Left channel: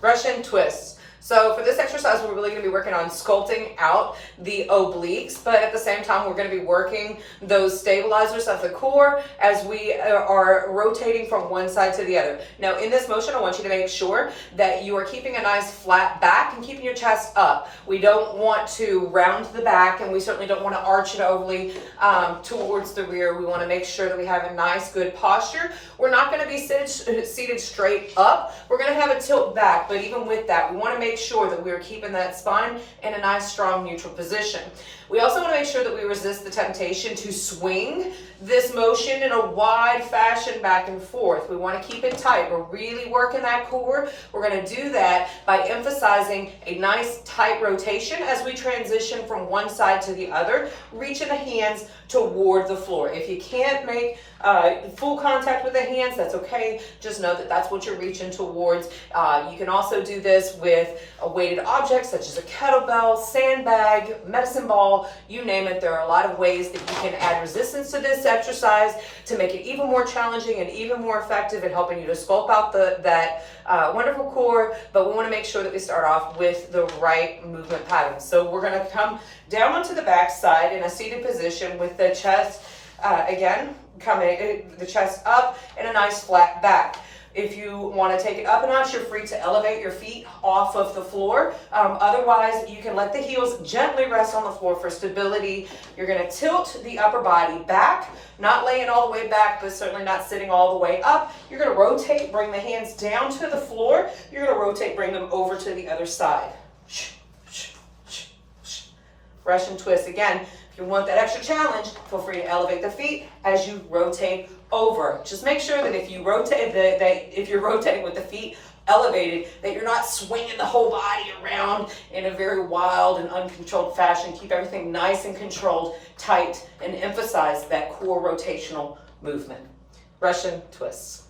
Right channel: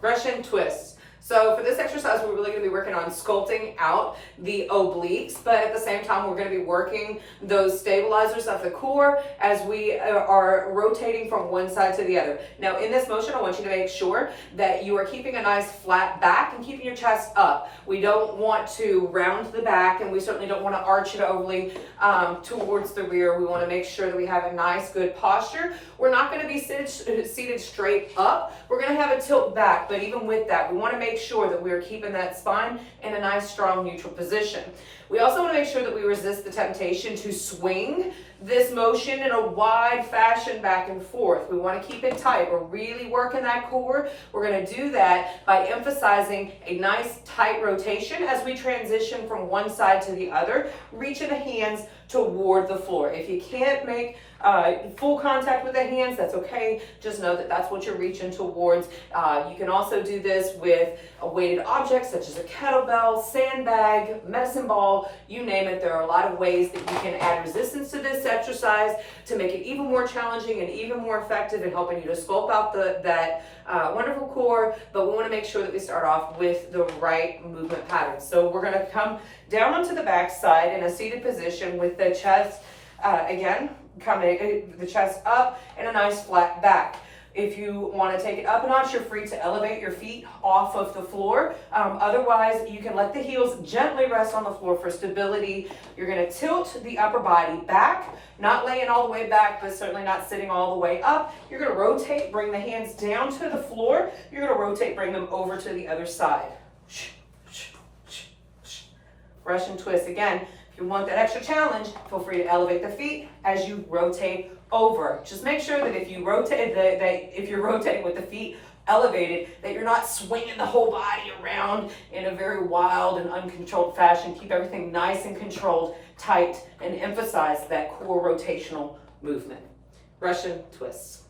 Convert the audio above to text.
Russian twists. So for this exercise, we're really going to be working on sculpting out the obliques, but at the same time, we're going to be working those stabilizers of the core as we are rotating from one side to the other. Now, in this motion, I want you to make sure that you are keeping a nice flat back and keeping your chest up. We don't want to round the back, and we certainly don't want to arch it overly towards the rear. We want to make sure that we have a nice, good posture. We're not going to be seated straight up. We're going to have a tilt back, but even with that, we want to make sure that we are keeping that spine in a nice, strong, neutral position. We also want to make sure that we resist the temptation to swing this motion in a wide fashion back and forth. We want to keep it tight. We're really working that core. We're going to do that by emphasizing a nice, tight rotation as we transition from one side to the other, reaching the hands toward the floor. If you can't make full contact with the hands, that's okay. Just know that that's what you're reaching towards. You can also do this with a weighted object such as a kettlebell, sandbag, medicine ball, you name it. There are a lot of ways that you can add resistance to this exercise to make it even more challenging and even more effective in helping you to sculpt out that wonderful core, but we want to make sure that we start off with the right movement pattern. So we're going to come down onto the back side in a seated position with the chest, again, coming the chest up and a nice flat back. If you want to take it up a notch, you're free to elevate your feet off of the floor. Otherwise, you can let the heels gently rest on the floor for stability. You're going to tilt the upper body back, not laying all the way back, but certainly not sitting all the way up. You're going to rotate, bring the hands down to the floor. You're going to rotate, bring them over to the other side. Russian twist. Again, if you want that extra challenge, feel free to elevate the feet as you rotate over. Just make sure that if you rotate, if you're rotating with the feet elevated, that you're not swinging the whole body around in a very wild and uncontrolled fashion. Keep everything nice and controlled, tight, and emphasize that core rotational movement. Russian twists.